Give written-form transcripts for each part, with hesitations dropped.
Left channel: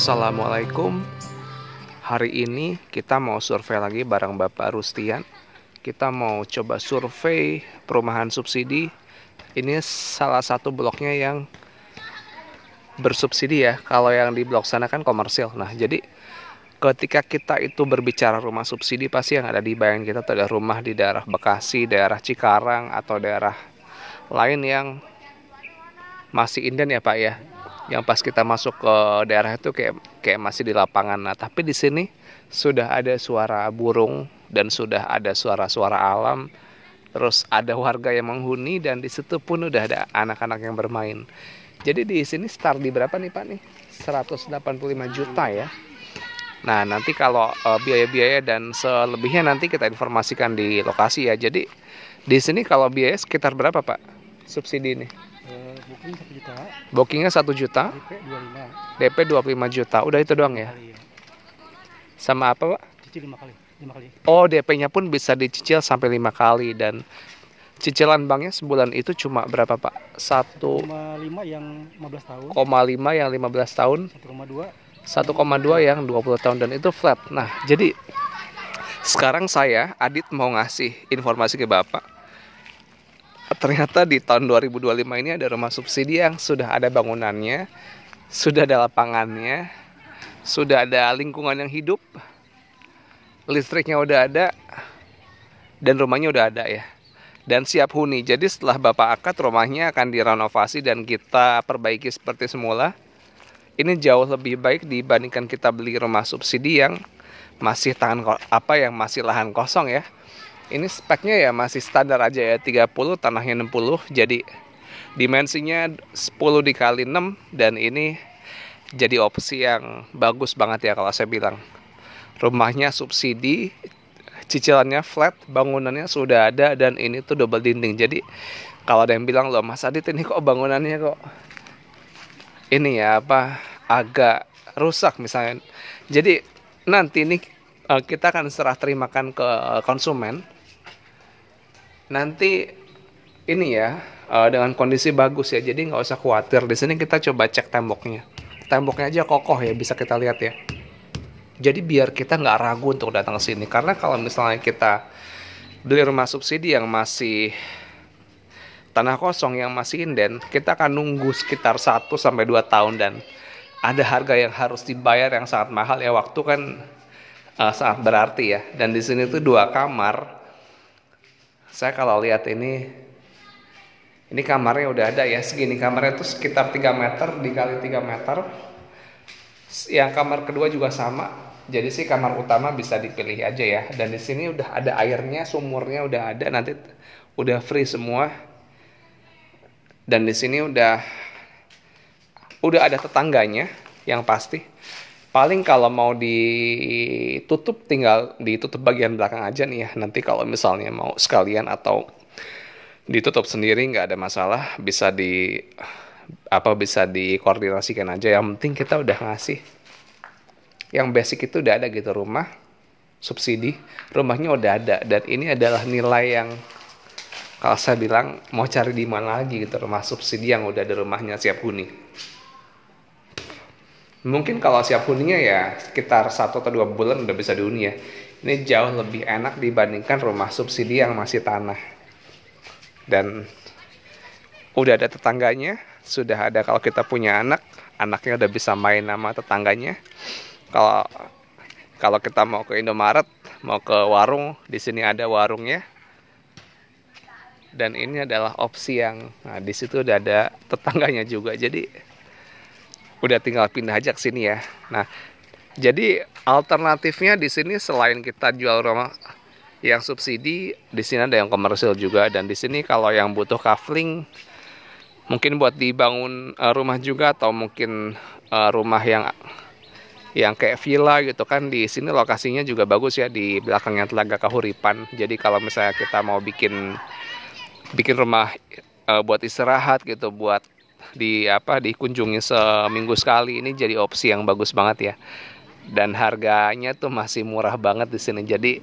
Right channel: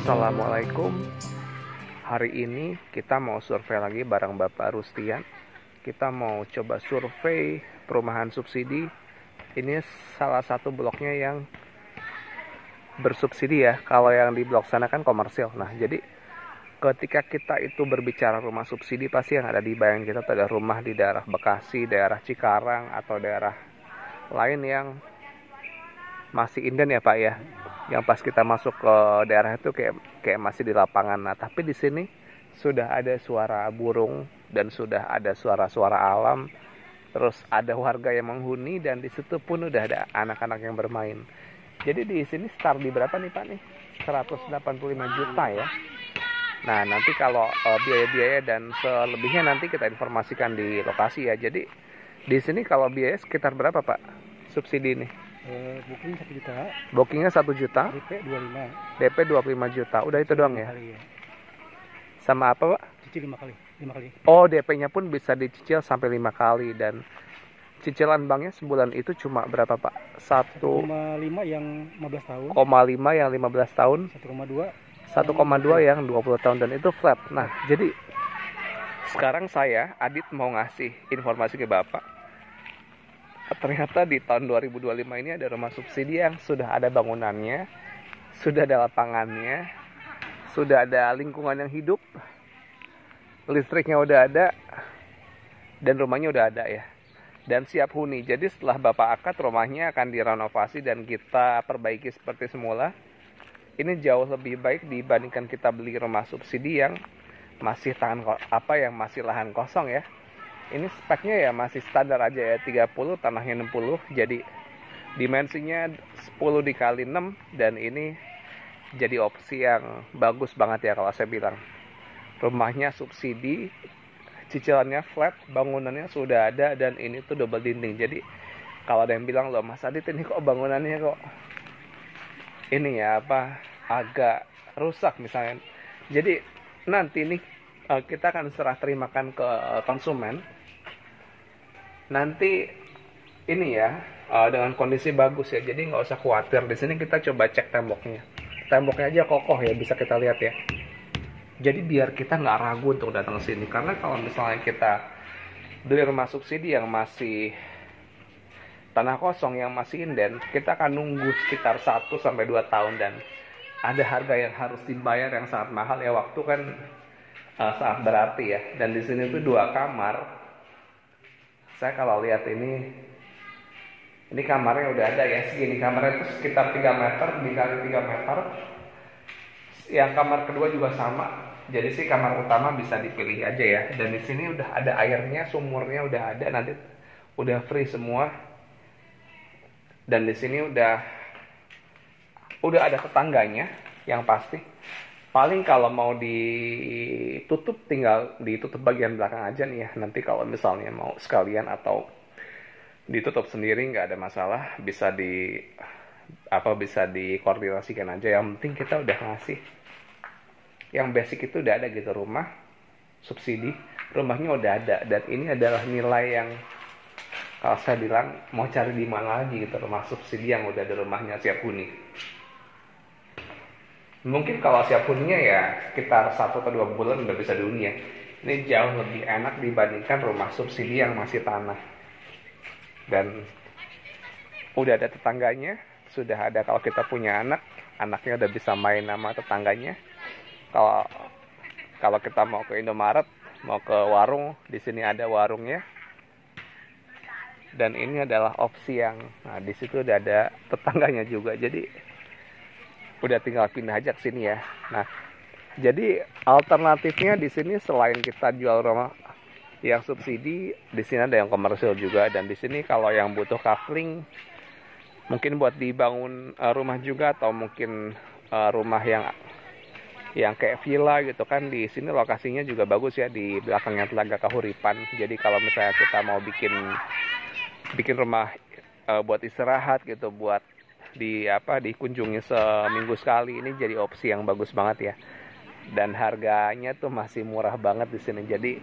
Assalamualaikum. Hari ini kita mau survei lagi bareng Bapak Rustian. Kita mau coba survei perumahan subsidi. Ini salah satu bloknya yang bersubsidi ya. Kalau yang di blok sana kan komersil. Nah, jadi ketika kita itu berbicara rumah subsidi, pasti yang ada di bayangan kita itu ada rumah di daerah Bekasi, daerah Cikarang, atau daerah lain yang masih inden ya Pak ya. Yang pas kita masuk ke daerah itu kayak masih di lapangan. Nah, tapi di sini sudah ada suara burung dan sudah ada suara-suara alam. Terus ada warga yang menghuni dan di situ pun udah ada anak-anak yang bermain. Jadi di sini start di berapa nih Pak nih? 185 juta ya. Nah, nanti kalau biaya-biaya dan selebihnya nanti kita informasikan di lokasi ya. Jadi di sini kalau biaya sekitar berapa Pak subsidi ini? Booking 1 juta. Bookingnya 1 juta. DP 25 juta. Udah itu doang ya? Kali ya. Sama apa Pak? Cicil 5 kali. Oh, DP-nya pun bisa dicicil sampai 5 kali. Dan cicilan banknya sebulan itu cuma berapa Pak? 1,5 yang 15 tahun. 1,5 yang 15 tahun. 1,2 yang 20 tahun. Dan itu flat. Nah, jadi sekarang saya, Adit, mau ngasih informasi ke Bapak. Ternyata di tahun 2025 ini ada rumah subsidi yang sudah ada bangunannya, sudah ada lapangannya, sudah ada lingkungan yang hidup, listriknya udah ada, dan rumahnya udah ada ya. Dan siap huni. Jadi setelah Bapak akad, rumahnya akan direnovasi dan kita perbaiki seperti semula. Ini jauh lebih baik dibandingkan kita beli rumah subsidi yang masih yang masih lahan kosong ya. Ini speknya ya masih standar aja ya, 30, tanahnya 60. Jadi dimensinya 10 dikali 6 dan ini jadi opsi yang bagus banget ya kalau saya bilang. Rumahnya subsidi, cicilannya flat, bangunannya sudah ada dan ini tuh double dinding. Jadi kalau ada yang bilang, loh Mas Adit ini kok bangunannya kok ini ya agak rusak misalnya. Jadi nanti ini kita akan serah terimakan ke konsumen. Nanti ini ya dengan kondisi bagus ya, jadi nggak usah khawatir. Di sini kita coba cek temboknya. Temboknya aja kokoh ya, bisa kita lihat ya. Jadi biar kita nggak ragu untuk datang ke sini. Karena kalau misalnya kita beli rumah subsidi yang masih tanah kosong, yang masih inden, kita akan nunggu sekitar 1-2 tahun dan ada harga yang harus dibayar yang sangat mahal ya. Waktu kan sangat berarti ya. Dan di sini tuh 2 kamar. Saya kalau lihat ini kamarnya udah ada ya, segini kamarnya itu sekitar 3 meter dikali 3 meter. Yang kamar kedua juga sama. Jadi sih kamar utama bisa dipilih aja ya. Dan di sini udah ada airnya, sumurnya udah ada, nanti udah free semua. Dan di sini udah ada tetangganya yang pasti. Paling kalau mau ditutup, tinggal ditutup bagian belakang aja nih ya. Nanti kalau misalnya mau sekalian atau ditutup sendiri nggak ada masalah, bisa dikoordinasikan aja. Yang penting kita udah ngasih yang basic itu udah ada gitu, rumah subsidi, rumahnya udah ada. Dan ini adalah nilai yang kalau saya bilang mau cari di mana lagi gitu, rumah subsidi yang udah ada rumahnya siap huni. Mungkin kalau siap huninya ya sekitar 1 atau 2 bulan udah bisa dihuni ya. Ini jauh lebih enak dibandingkan rumah subsidi yang masih tanah. Dan udah ada tetangganya, sudah ada kalau kita punya anak, anaknya udah bisa main sama tetangganya. Kalau kita mau ke Indomaret, mau ke warung, di sini ada warungnya. Dan ini adalah opsi yang, nah di situ udah ada tetangganya juga. Jadi udah tinggal pindah aja ke sini ya. Nah, jadi alternatifnya di sini selain kita jual rumah yang subsidi, di sini ada yang komersil juga. Dan di sini kalau yang butuh kafling, mungkin buat dibangun rumah juga, atau mungkin rumah yang kayak villa gitu kan, di sini lokasinya juga bagus ya, di belakangnya Telaga Kahuripan. Jadi kalau misalnya kita mau bikin rumah buat istirahat gitu, buat dikunjungi seminggu sekali, ini jadi opsi yang bagus banget ya. Dan harganya tuh masih murah banget di sini. Jadi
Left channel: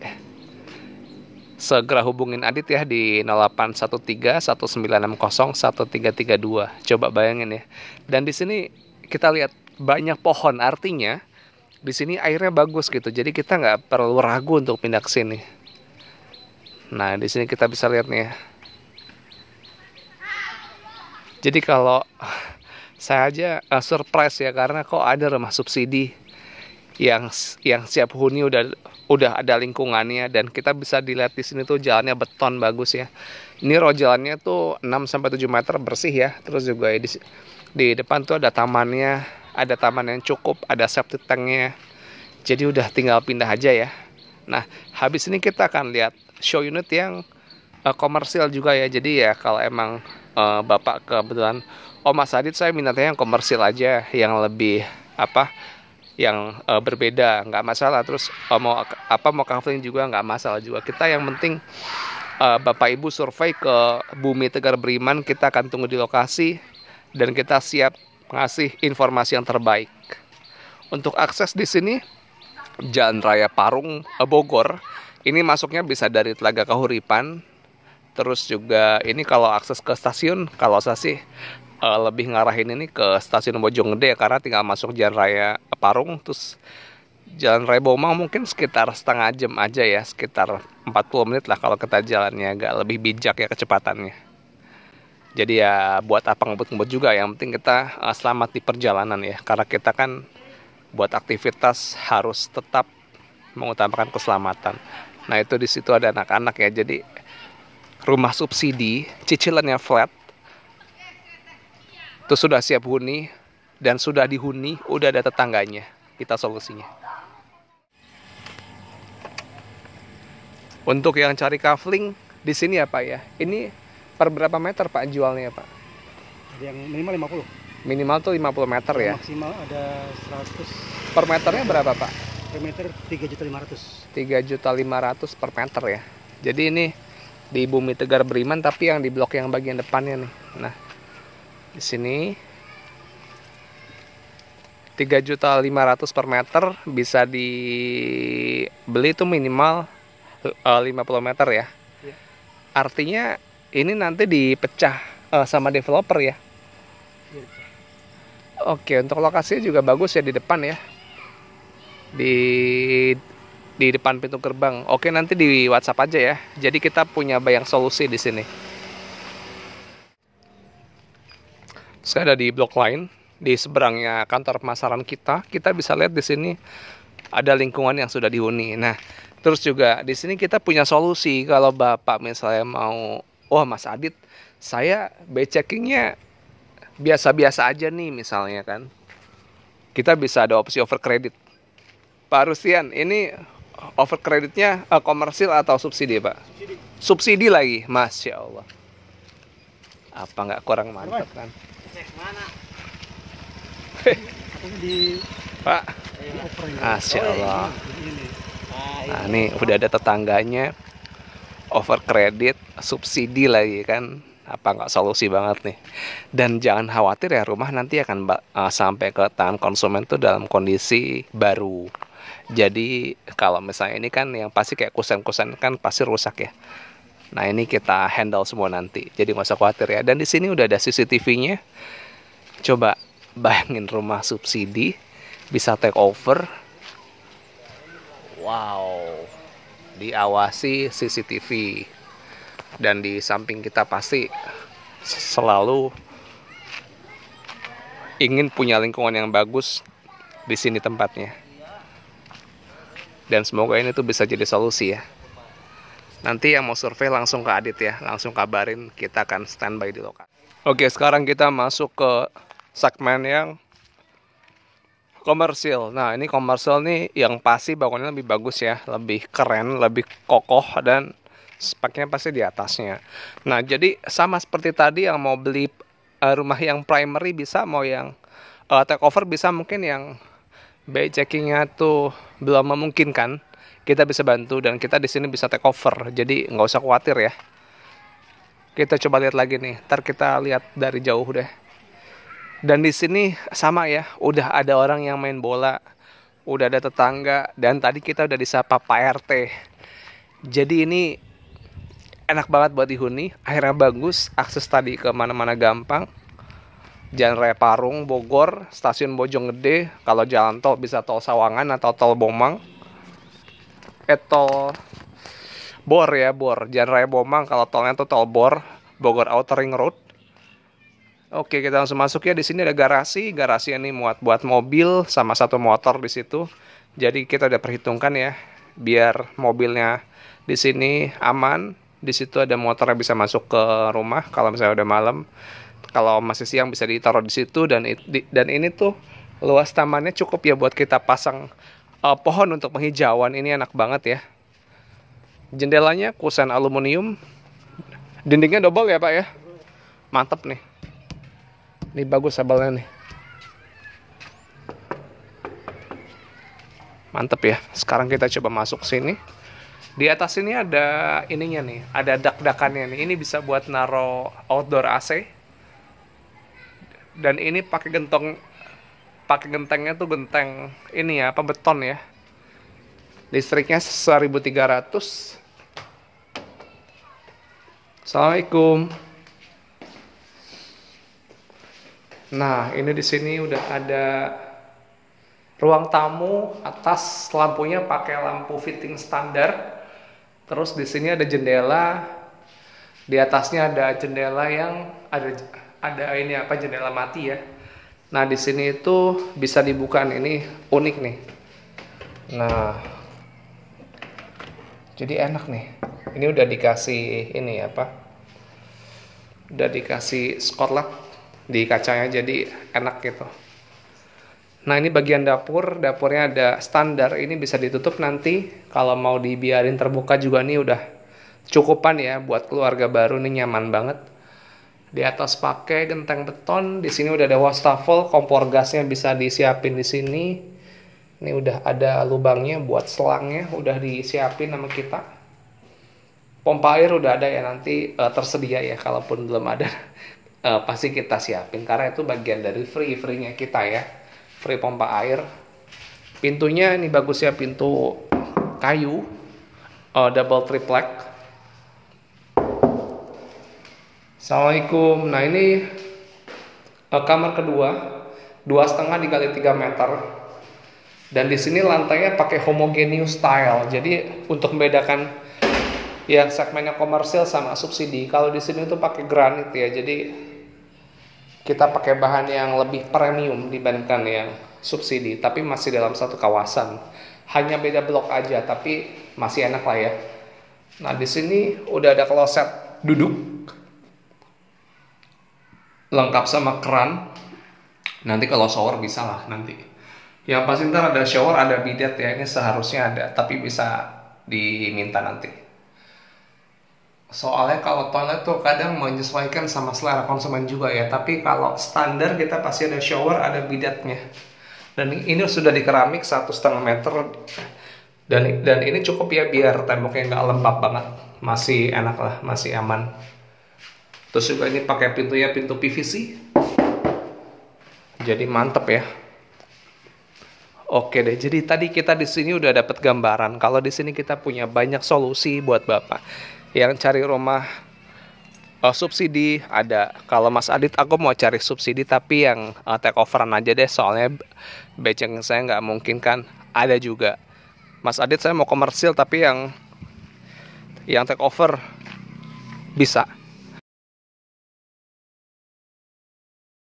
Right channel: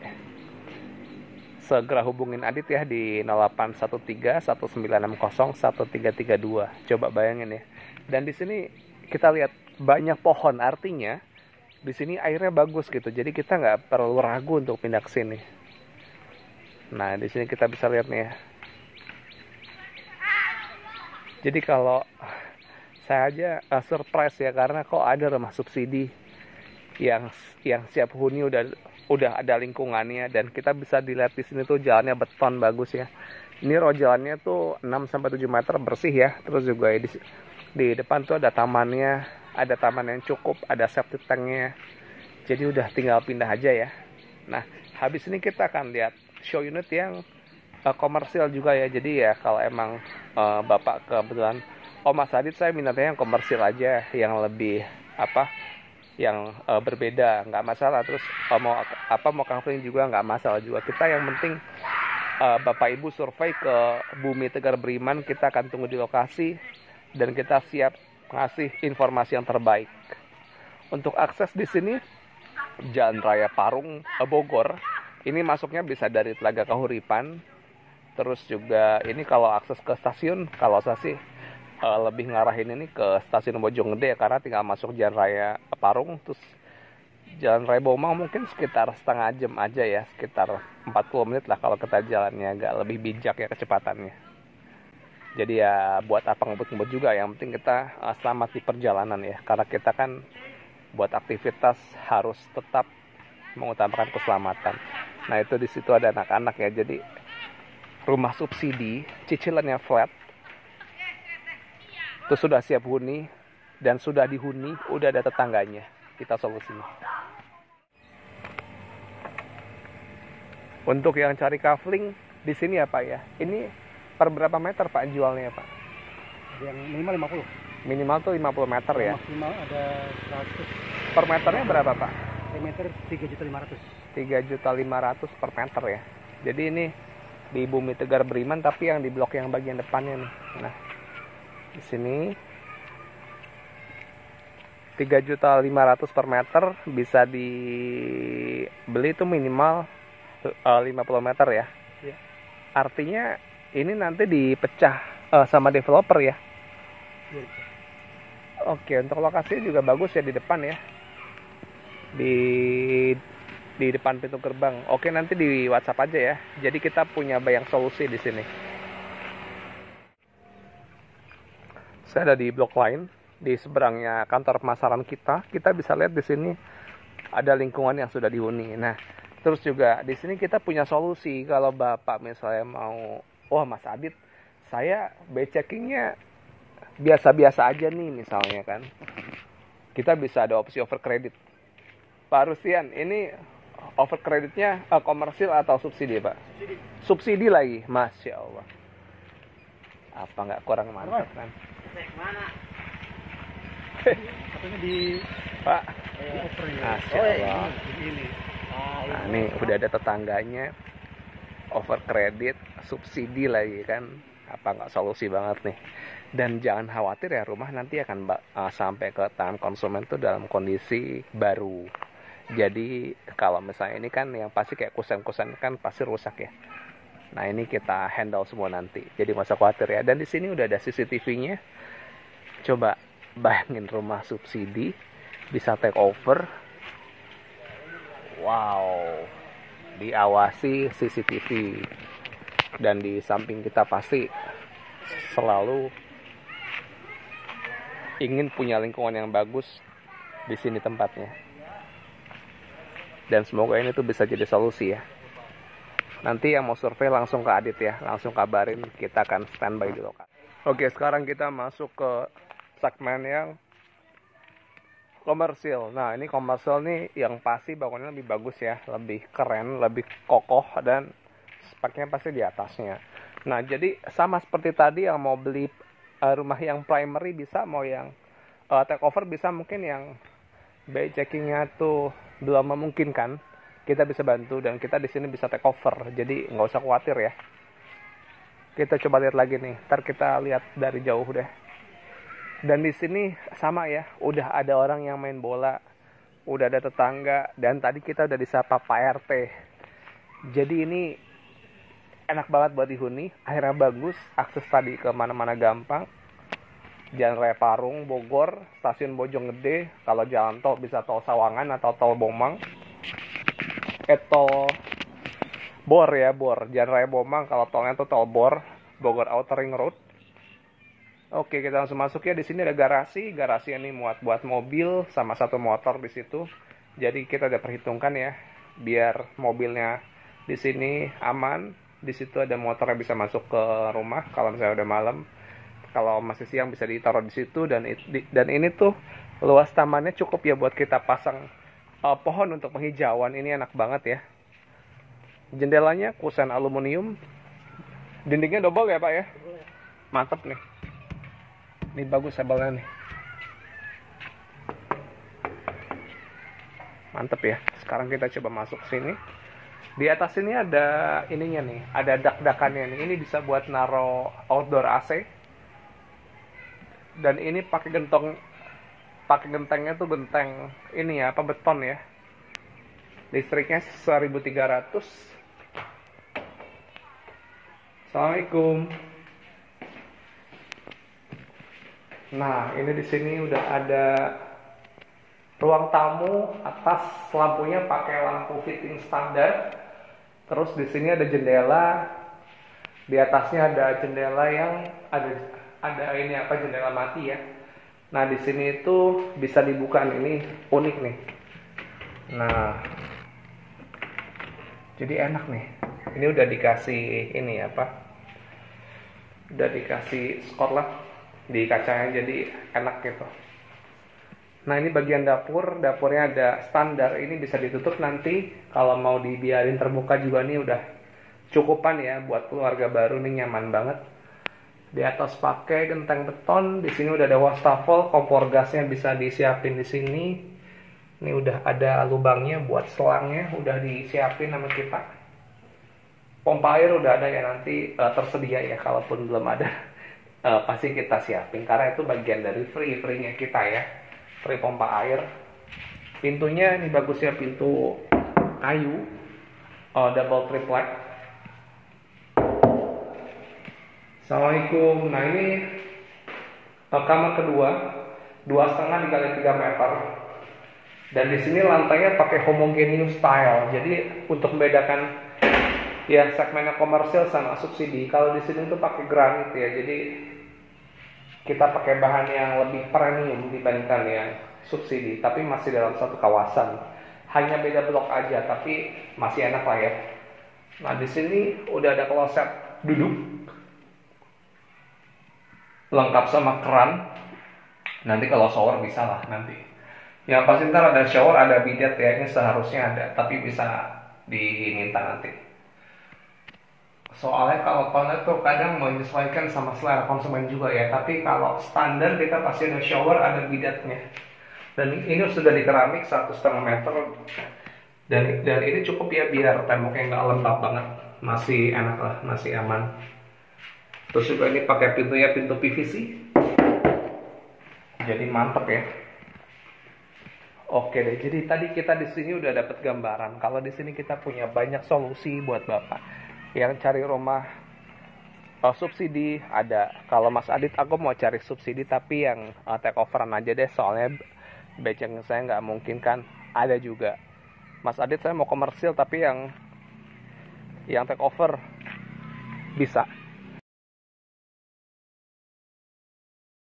segera hubungin Adit ya di 0813 1960 1332. Coba bayangin ya. Dan di sini kita lihat banyak pohon, artinya di sini airnya bagus gitu. Jadi kita nggak perlu ragu untuk pindah ke sini. Nah, di sini kita bisa lihat nih ya. Jadi kalau saya aja surprise ya, karena kok ada rumah subsidi yang siap huni, udah ada lingkungannya, dan kita bisa dilihat di sini tuh jalannya beton bagus ya. Ini road jalannya tuh 6-7 meter bersih ya. Terus juga di depan tuh ada tamannya, ada taman yang cukup, ada septic tanknya. Jadi udah tinggal pindah aja ya. Nah, habis ini kita akan lihat show unit yang komersial juga ya. Jadi ya kalau emang Bapak kebetulan, oh Mas Adit saya minatnya yang komersial aja, yang lebih yang berbeda, nggak masalah. Terus mau kaveling juga nggak masalah juga. Kita yang penting Bapak Ibu survei ke Bumi Tegar Beriman, kita akan tunggu di lokasi dan kita siap ngasih informasi yang terbaik. Untuk akses di sini Jalan Raya Parung Bogor, ini masuknya bisa dari Telaga Kahuripan. Terus juga ini kalau akses ke stasiun, kalau saya sih lebih ngarahin ini ke stasiun Bojonggede, karena tinggal masuk Jalan Raya Parung. Terus Jalan Raya Bomang mungkin sekitar setengah jam aja ya, sekitar 40 menit lah kalau kita jalannya agak lebih bijak ya kecepatannya. Jadi ya buat apa ngebut-ngebut juga, yang penting kita selamat di perjalanan ya, karena kita kan buat aktivitas harus tetap mengutamakan keselamatan. Nah, itu di situ ada anak-anak ya. Jadi rumah subsidi cicilannya flat, itu sudah siap huni, dan sudah dihuni, udah ada tetangganya. Kita solusinya. Untuk yang cari kaveling di sini ya Pak ya, ini per berapa meter Pak jualnya Pak? Yang minimal 50. Minimal tuh 50 meter ya. Maksimal ada 100. Per meternya berapa Pak? Per meter 3.500.000. 3.500.000 per meter ya. Jadi ini di Bumi Tegar Beriman, tapi yang di blok yang bagian depannya nih. Nah, di sini 3.500.000 per meter, bisa dibeli tuh minimal 50 meter ya. Ya. Artinya ini nanti dipecah sama developer ya. Ya. Oke, untuk lokasinya juga bagus ya di depan ya. Di depan pintu gerbang. Oke, nanti di WhatsApp aja ya. Jadi kita punya banyak solusi di sini. Saya ada di blok lain, di seberangnya kantor pemasaran kita. Kita bisa lihat di sini ada lingkungan yang sudah dihuni. Nah, terus juga di sini kita punya solusi kalau Bapak misalnya mau, wah Mas Adit, saya checkingnya biasa-biasa aja nih misalnya kan. Kita bisa ada opsi over credit. Pak Rustian, ini over kreditnya komersil atau subsidi Pak? Subsidi lagi, Masya Allah. Apa nggak kurang mantap kan? Pak, Masya Allah. Nah, ini udah ada tetangganya, over kredit, subsidi lagi kan? Apa nggak solusi banget nih? Dan jangan khawatir ya, rumah nanti akan sampai ke tangan konsumen tuh dalam kondisi baru. Jadi kalau misalnya ini kan yang pasti kayak kusen-kusen kan pasti rusak ya. Nah, ini kita handle semua nanti. Jadi nggak usah khawatir ya. Dan di sini udah ada CCTV-nya. Coba bayangin rumah subsidi bisa take over. Wow. Diawasi CCTV. Dan di samping kita pasti selalu ingin punya lingkungan yang bagus di sini tempatnya. Dan semoga ini tuh bisa jadi solusi ya. Nanti yang mau survei langsung ke Adit ya, langsung kabarin, kita akan standby di lokasi. Oke, sekarang kita masuk ke segmen yang komersil. Nah, ini komersil nih yang pasti bangunannya lebih bagus ya, lebih keren, lebih kokoh, dan speknya pasti di atasnya. Nah, jadi sama seperti tadi, yang mau beli rumah yang primary bisa, mau yang take over bisa, mungkin yang bay checkingnya tuh belum memungkinkan, kita bisa bantu dan kita di sini bisa take over. Jadi nggak usah khawatir ya. Kita coba lihat lagi nih, ntar kita lihat dari jauh deh. Dan di sini sama ya, udah ada orang yang main bola, udah ada tetangga, dan tadi kita udah disapa Pak RT. Jadi ini enak banget buat dihuni, airnya bagus, akses tadi ke mana-mana gampang. Jalan Raya Parung, Bogor, Stasiun Bojonggede. Kalau jalan tol bisa tol Sawangan atau tol Bomang. Tol Bor ya, Bor. Jalan Raya Bomang, kalau tolnya itu tol Bor, Bogor Outer Ring Road. Oke, kita langsung masuk ya. Di sini ada garasi. Garasi ini muat buat mobil sama satu motor di situ. Jadi kita udah perhitungkan ya, biar mobilnya di sini aman. Di situ ada motor yang bisa masuk ke rumah kalau misalnya udah malam. Kalau masih siang bisa ditaruh di situ, dan ini tuh luas tamannya cukup ya buat kita pasang pohon untuk penghijauan. Ini enak banget ya. Jendelanya kusen aluminium. Dindingnya double ya Pak ya. Mantep nih. Ini bagus sabelnya nih. Mantep ya. Sekarang kita coba masuk sini. Di atas ini ada ininya nih, ada dak-dakannya nih. Ini bisa buat naro outdoor AC. Dan ini pakai gentengnya tuh genteng ini ya, apa, beton ya. Listriknya 1300. Assalamualaikum. Nah, ini di sini udah ada ruang tamu. Atas lampunya pakai lampu fitting standar. Terus di sini ada jendela. Di atasnya ada jendela yang ada ini apa, jendela mati ya. Nah, di sini itu bisa dibuka nih. Ini unik nih. Nah, jadi enak nih. Ini udah dikasih ini apa? Udah dikasih skotlet di kacanya, jadi enak gitu. Nah, ini bagian dapur. Dapurnya ada standar. Ini bisa ditutup nanti. Kalau mau dibiarin terbuka juga nih udah cukupan ya buat keluarga baru, nih nyaman banget. Di atas pakai genteng beton. Di sini udah ada wastafel, kompor gasnya bisa disiapin di sini. Ini udah ada lubangnya buat selangnya, udah disiapin sama kita. Pompa air udah ada ya, nanti tersedia ya, kalaupun belum ada pasti kita siapin karena itu bagian dari free-nya kita ya. Free pompa air. Pintunya ini bagus ya, pintu kayu, double triplek. Assalamualaikum. Nah, ini kamar kedua, 2,5 dikali 3 meter. Dan di sini lantainya pakai homogeneous tile. Jadi untuk membedakan ya segmennya komersial sama subsidi. Kalau di sini tuh pakai granit ya. Jadi kita pakai bahan yang lebih premium dibandingkan yang subsidi, tapi masih dalam satu kawasan. Hanya beda blok aja, tapi masih enak lah ya. Nah, di sini udah ada kloset duduk lengkap sama keran. Nanti kalau shower bisa lah nanti. Yang pasti ntar ada shower, ada bidet ya. Ini seharusnya ada, tapi bisa diminta nanti. Soalnya kalau toilet tuh kadang menyesuaikan sama selera konsumen juga ya. Tapi kalau standar kita pasti ada shower, ada bidetnya. Dan ini sudah di keramik 1,5 meter. Dan ini cukup ya biar temboknya nggak lembab banget. Masih enak lah, masih aman. Terus juga ini pakai pintunya pintu PVC. Jadi mantep ya. Oke deh, jadi tadi kita di sini udah dapat gambaran kalau di sini kita punya banyak solusi buat Bapak yang cari rumah subsidi. Ada, kalau Mas Adit aku mau cari subsidi tapi yang take overan aja deh, soalnya beceng saya nggak mungkin kan. Ada juga Mas Adit saya mau komersil tapi yang take over bisa.